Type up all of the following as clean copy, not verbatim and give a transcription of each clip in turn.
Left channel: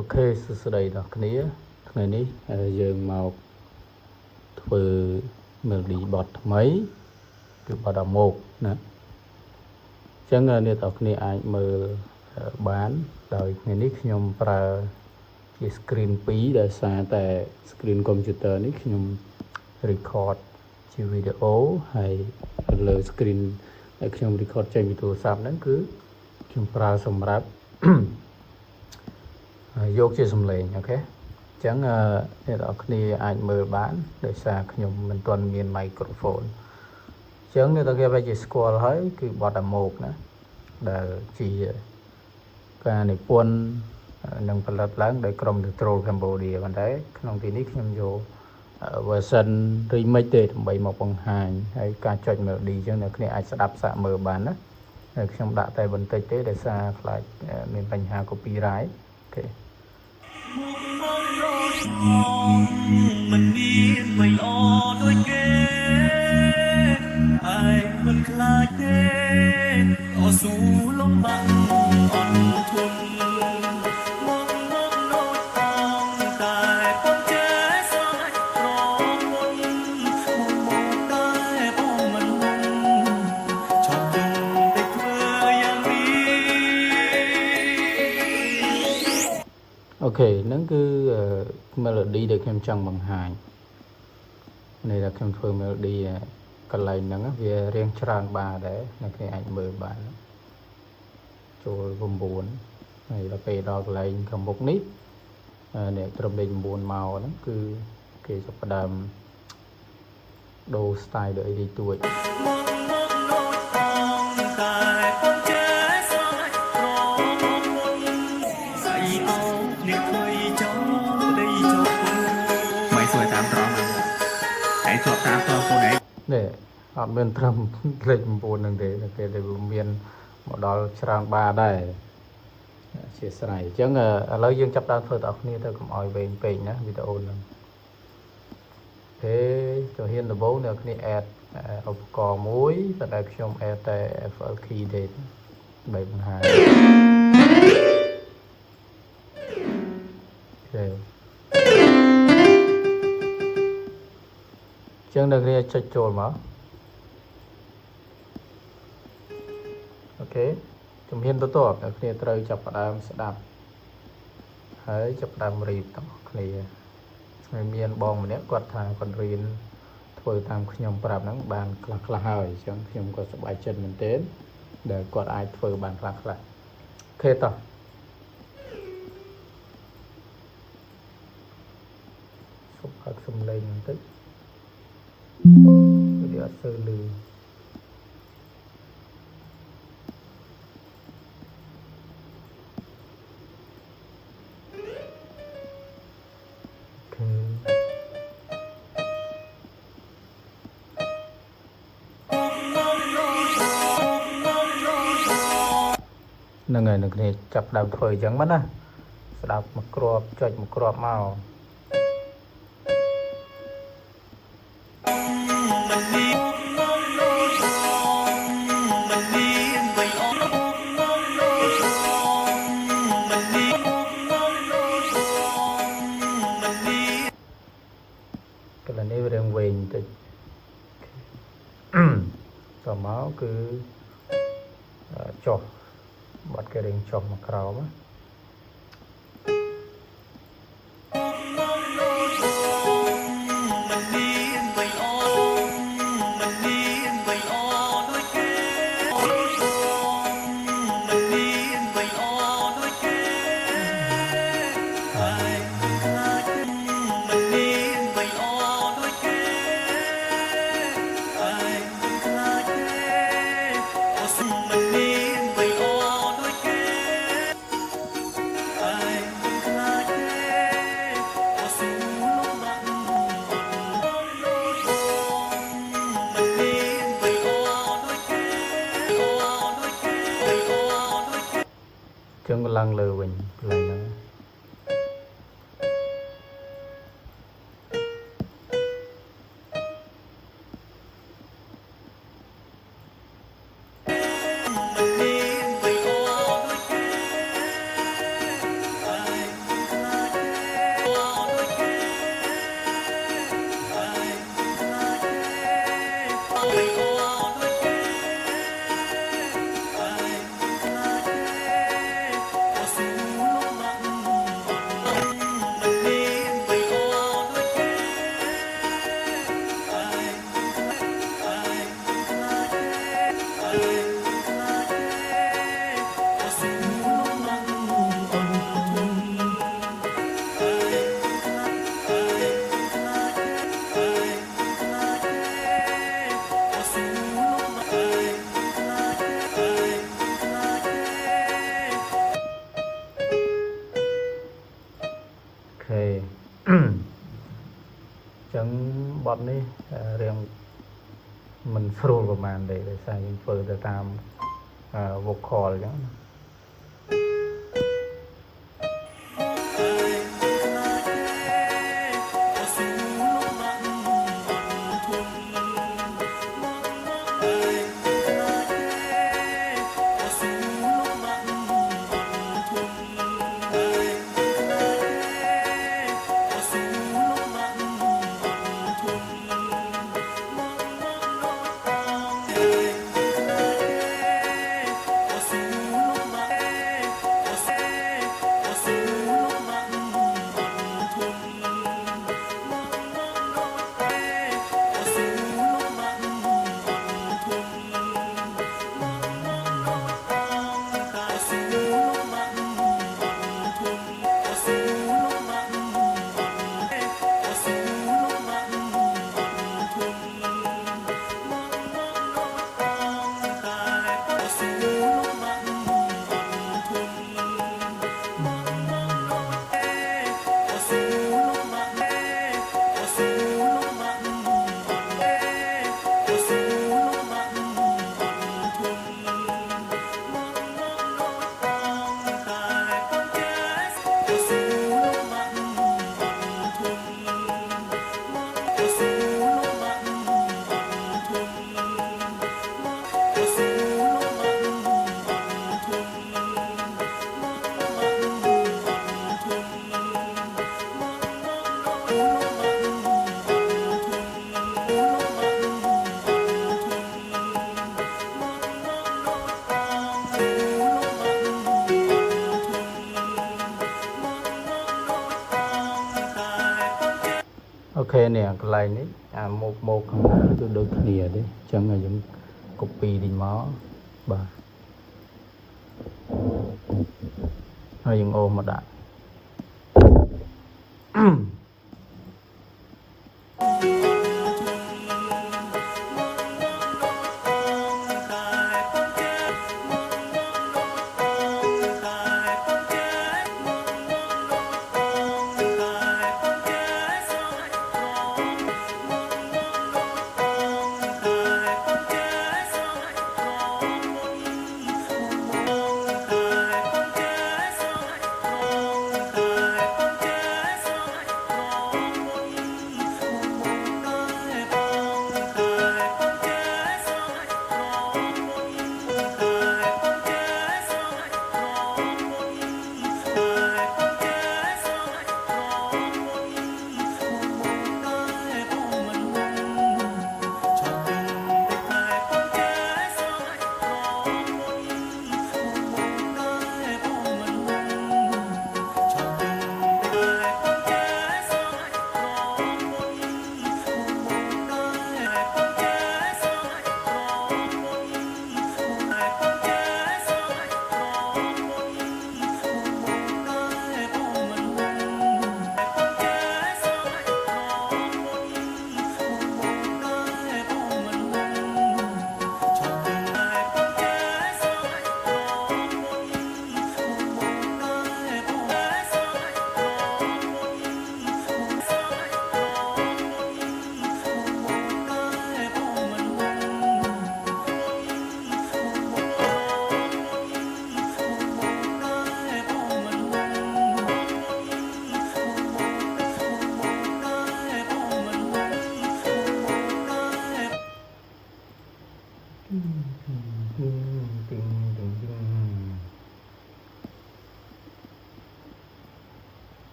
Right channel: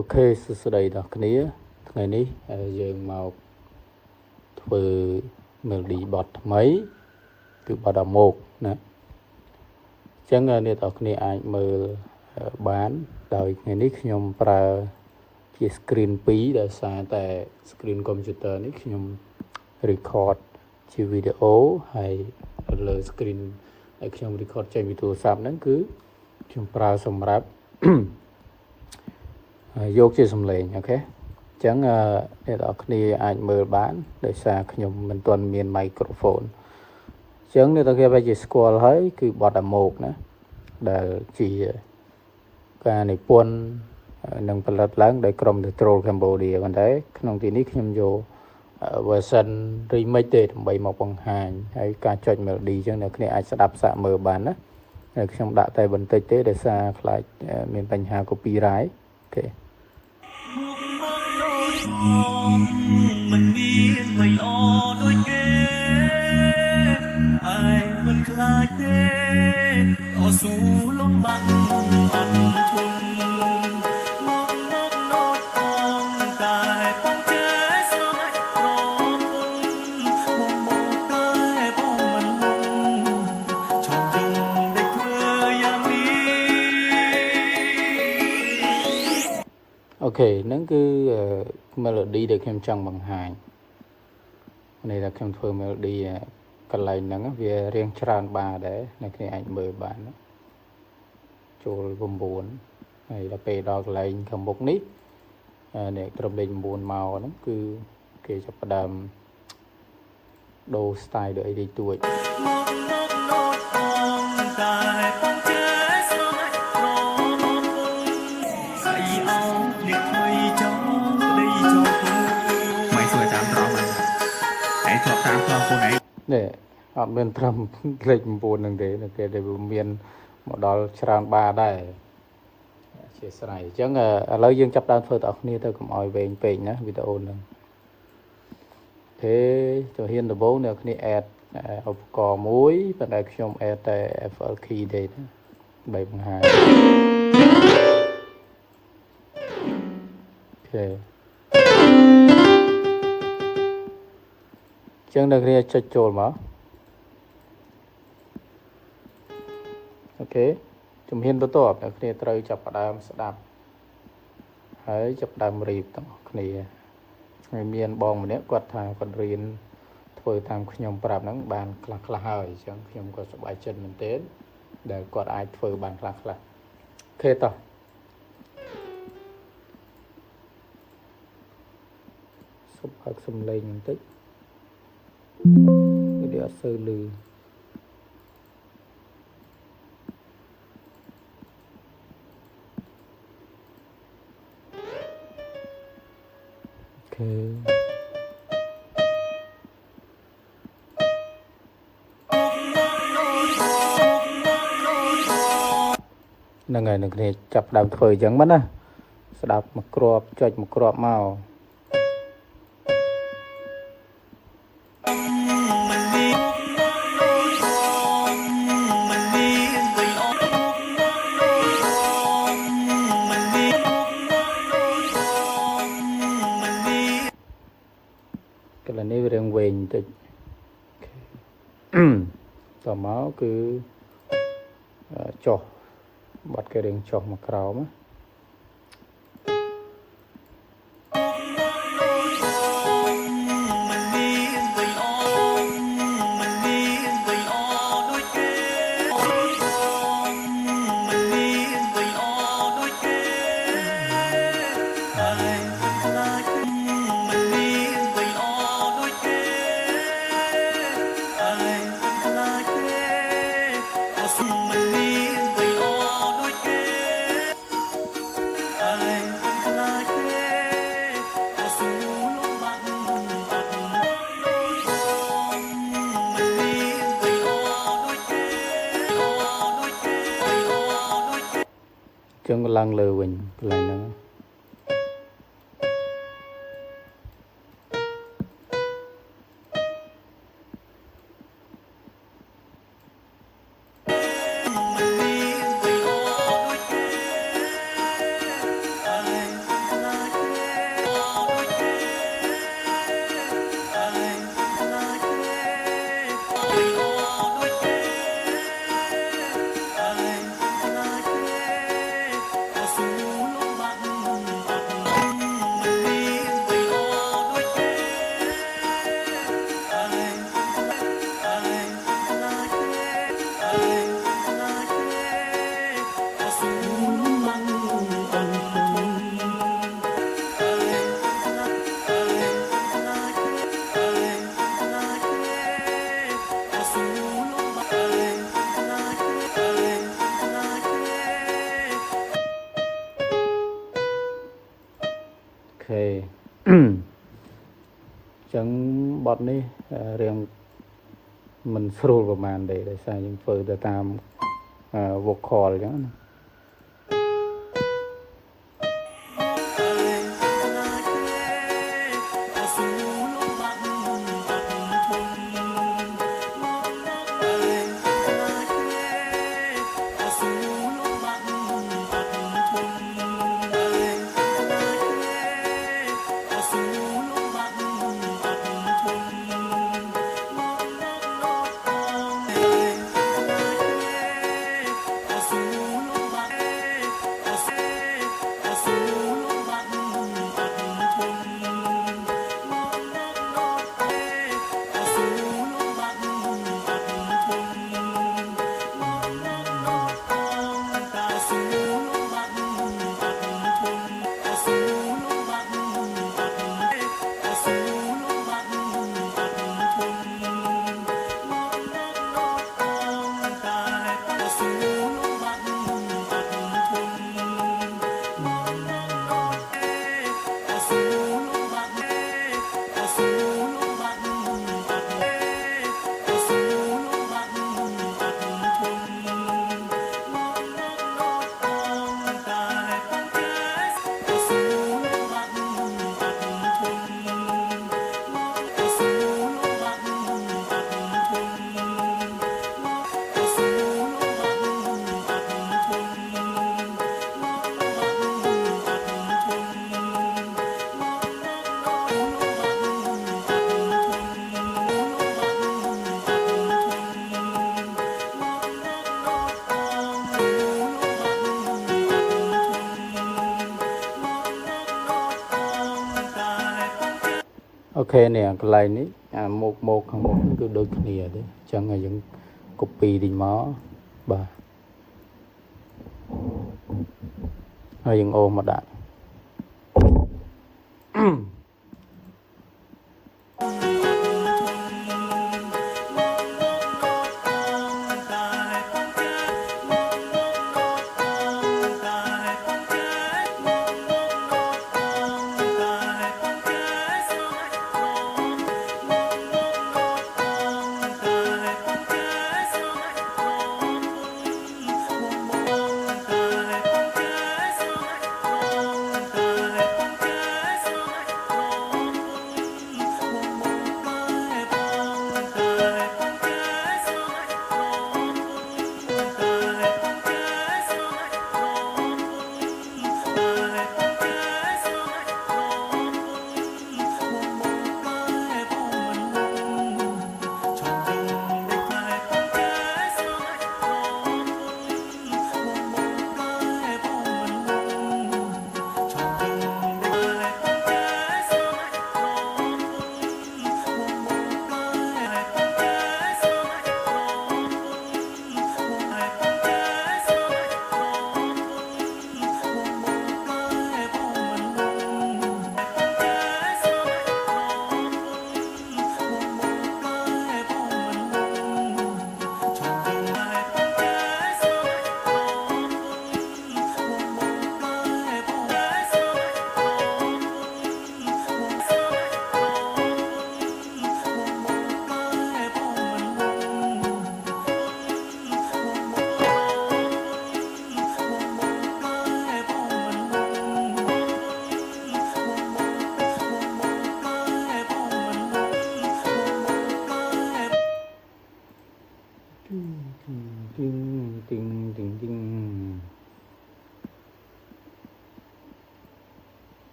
Ok សួស្តីដល់គ្នាថ្ងៃនេះយើងមកធ្វើ melody bot ថ្មីគឺ bot អាម៉ូកណាអញ្ចឹងអ្នកទាំងគ្នាអាចមើលបានដោយថ្ងៃនេះខ្ញុំប្រើជា screen 2ដោយសារតែ screen computer នេះខ្ញុំ record ជា video ហើយលើ screen ដែលខ្ញុំ record ចេញពីទូរស័ព្ទហ្នឹងគឺខ្ញុំប្រើសម្រាប់ យកជាសំឡេងអូខេអញ្ចឹងអ្នកនរគ្នាអាចមើលបានដោយសារខ្ញុំមិនទាន់មាន microphone អញ្ចឹងអ្នកនរគ្នាបែរជាស្គាល់ហើយគឺបទអាម៉ូកណាដែលជាការនិពន្ធនិងផលិតឡើងដោយក្រុម Control Cambodia ប៉ុន្តែក្នុងទីនេះខ្ញុំយក version remix ទេដើម្បីមកបង្ហាញហើយការចុច melody អញ្ចឹងអ្នកគ្នាអាចស្ដាប់សាកមើលបានណាហើយខ្ញុំដាក់តែបន្តិចទេដោយសារខ្លាចមានបញ្ហា copyright អូខេมันมีไม่ออด้วยเกไอ้มันคลายเต้ต่อสู้ลมบังอ่อนทุนมองโน้ตตองตายป้องเจสมัยรอมนมองใต้ป้องมันลงชอบยงได้เพื่ออย่างนี้ អូខេហ្នឹងគឺ melody ដែលខ្ញុំចង់បង្ហាញនេះដែលខ្ញុំធ្វើ melody កន្លែងហ្នឹងវារៀងច្រើនបាដែរអ្នកគ្នាអាចមើលបានចូល9ហើយដល់ពេលដល់កន្លែងខាងមុខនេះអ្នកត្រឹមលេខ9មកហ្នឹងគឺគេចាប់ផ្ដើមដូរ style ដូចអីទួចไม่สวยตามตรองมันไอ้ชอบตามตรองคนไหนនេះអត់មានត្រឹមលេខ9ហ្នឹងទេគេតែមានមកដល់ច្រើនបាដែរអធិស្ឋានអញ្ចឹងឥឡូវយើងចាប់ដើមធ្វើតើគ្នាទៅកុំឲ្យវែងពេកណាវីដេអូហ្នឹងជំហានដំបូងអ្នកគ្នា add ឧបករណ៍មួយប៉ុន្តែខ្ញុំ add តែ FL key ទេដើម្បីបង្ហាញអូខេចឹងអ្នកគ្នាចុចចូលមកអូខេជំហានបន្ទាប់អ្នកគ្នាត្រូវចាប់ផ្ដើមស្ដាប់ហើយចាប់ផ្ដើមរៀបទាំងគ្នាហើយមានបងម្នាក់គាត់ថាគាត់រៀនធ្វើតាមខ្ញុំប្រាប់ហ្នឹងបានខ្លះហើយអញ្ចឹងខ្ញុំក៏សប្បាយចិត្តមែនទែនដែលគាត់អាចធ្វើបានខ្លះអូខេតោះសុំឲ្យសំឡេងបន្តិចវាអត់សូវលឺហ្នឹងហើយនឹងគ្នាចាប់ដើមធ្វើអញ្ចឹងមកណាស្ដាប់មកគ្រាប់ចុចមកគ្រាប់មកកន្លែងនេះវារៀងវែងបន្តិចតមកគឺចុះបាត់គេរៀងចុះមកក្រោមចឹងឡើងលើវិញកន្លែងហ្នឹង ខេ ចឹងបទនេះរៀងមិនស្រួលប្រហែលទេដោយសារយើងធ្វើទៅតាមvocal ចឹង អូខេនេះកន្លែងនេះមុខខាងមុខគឺដូចគ្នាទេអញ្ចឹងយើង copy តិចមកបាទហើយយើងអូសមកដាក់ អូ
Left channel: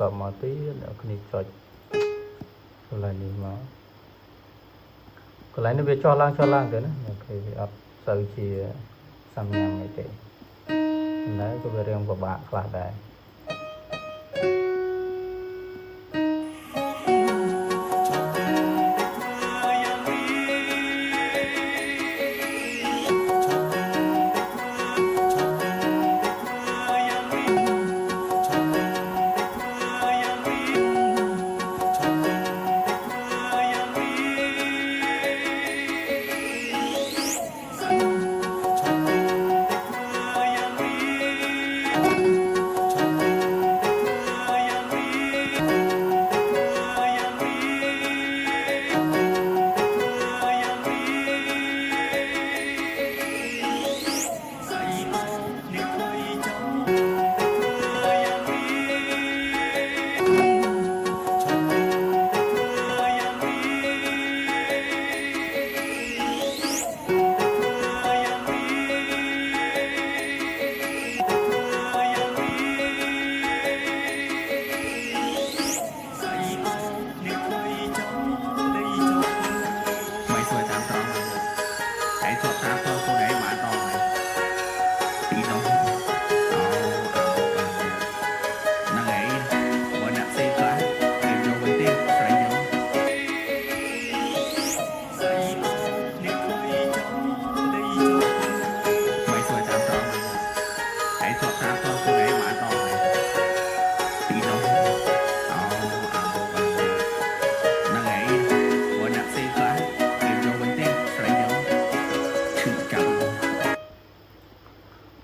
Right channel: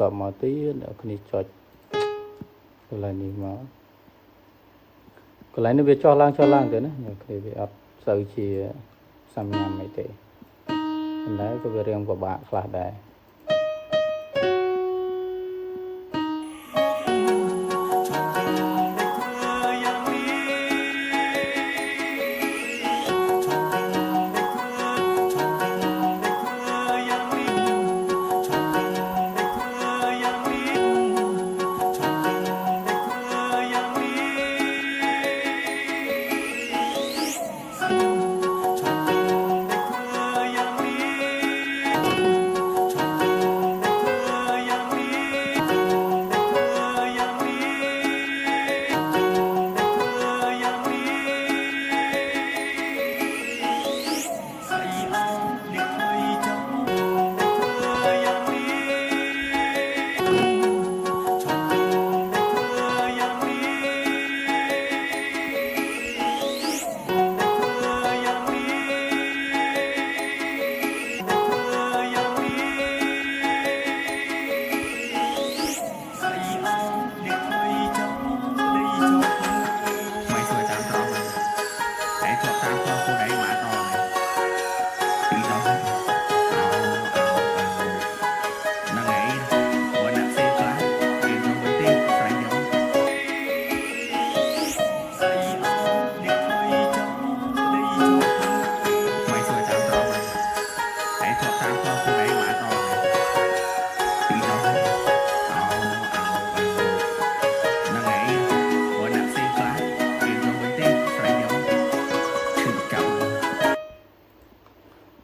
តមកទៀតអ្នកគ្នាចុចកន្លែងនេះមកកន្លែងនេះវាចុះឡើងទៅណាអ្នកគ្នាវាអត់សូវជាសំញាំអីទេតែក៏វារឿងពិបាកខ្លះដែរ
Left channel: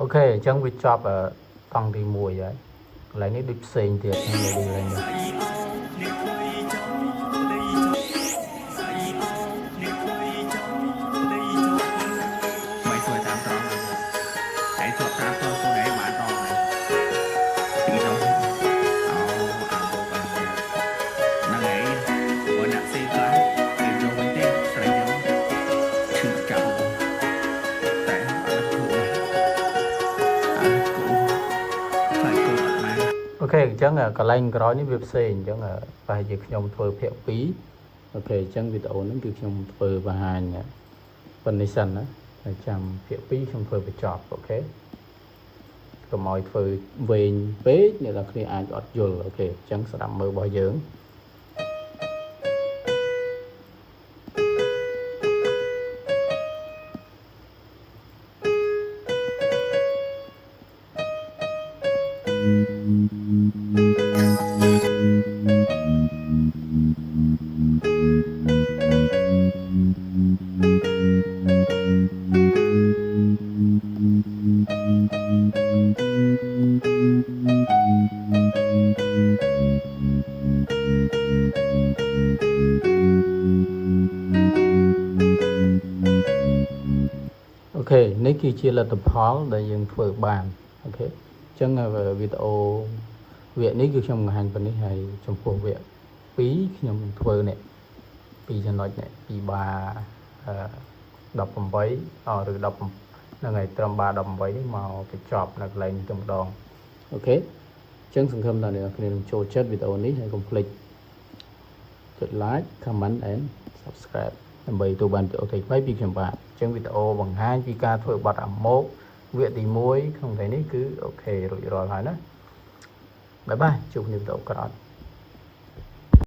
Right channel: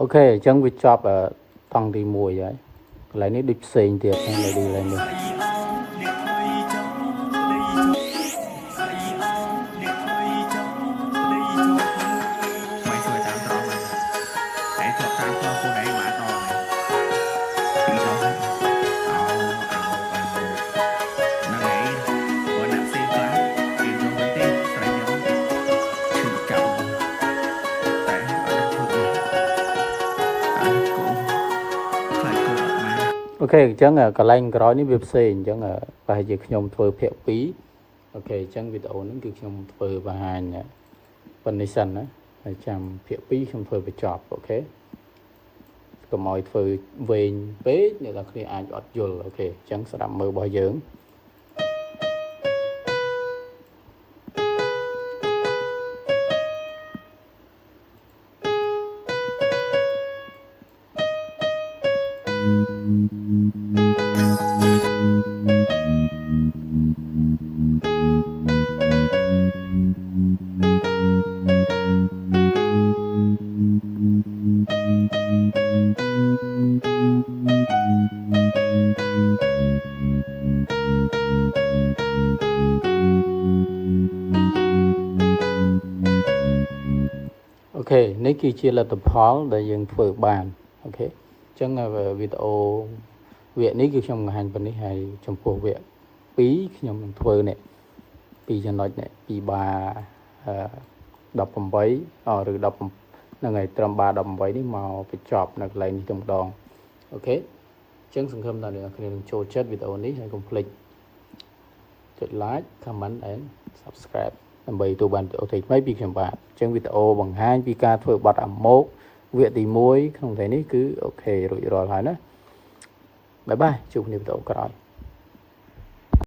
អូខេអញ្ចឹងវាចប់តង់ទី1ហើយកន្លែងនេះដូចផ្សេងទៀតខ្ញុំមើលកន្លែងនេះអូខេអញ្ចឹងកន្លែងក្រោយនេះវាផ្សេងអញ្ចឹងប្រហែលជាខ្ញុំធ្វើភាគ2អូខេអញ្ចឹងវីដេអូហ្នឹងគឺខ្ញុំធ្វើបង្ហាញប៉ុណ្្នេះសិនណាហើយចាំភាគ2ខ្ញុំធ្វើបញ្ចប់អូខេកុំឲ្យធ្វើវែងពេកអ្នកនរគ្នាអាចអត់យល់អូខេអញ្ចឹងស្ដាប់មើលរបស់យើង អូខេនេះគឺជាលទ្ធផលដែលយើងធ្វើបានអូខេអញ្ចឹងវីដេអូវគ្គនេះគឺខ្ញុំបង្ហាញប៉ុណ្នេះហើយចំពោះវគ្គ2ខ្ញុំនឹងធ្វើនេះ2ចំណុចនេះពីបា18ឬ10ហ្នឹងហើយត្រឹមបា18នេះមកបញ្ចប់នៅកន្លែងនេះតែម្ដងអូខេអញ្ចឹងសង្ឃឹមថាអ្នកនរគ្នានឹងចូលចិត្តវីដេអូនេះហើយកុំភ្លេចចុច like comment and subscribe ដើម្បីទទួលបានវីដេអូថ្មីៗពីខ្ញុំបាទអញ្ចឹងវីដេអូបង្ហាញពីការធ្វើបទអាម៉ូកវគ្គទី1ក្នុងថ្ងៃនេះគឺអូខេរួចរាល់ហើយណាបាយបាយជួបគ្នាវីដេអូក្រោយ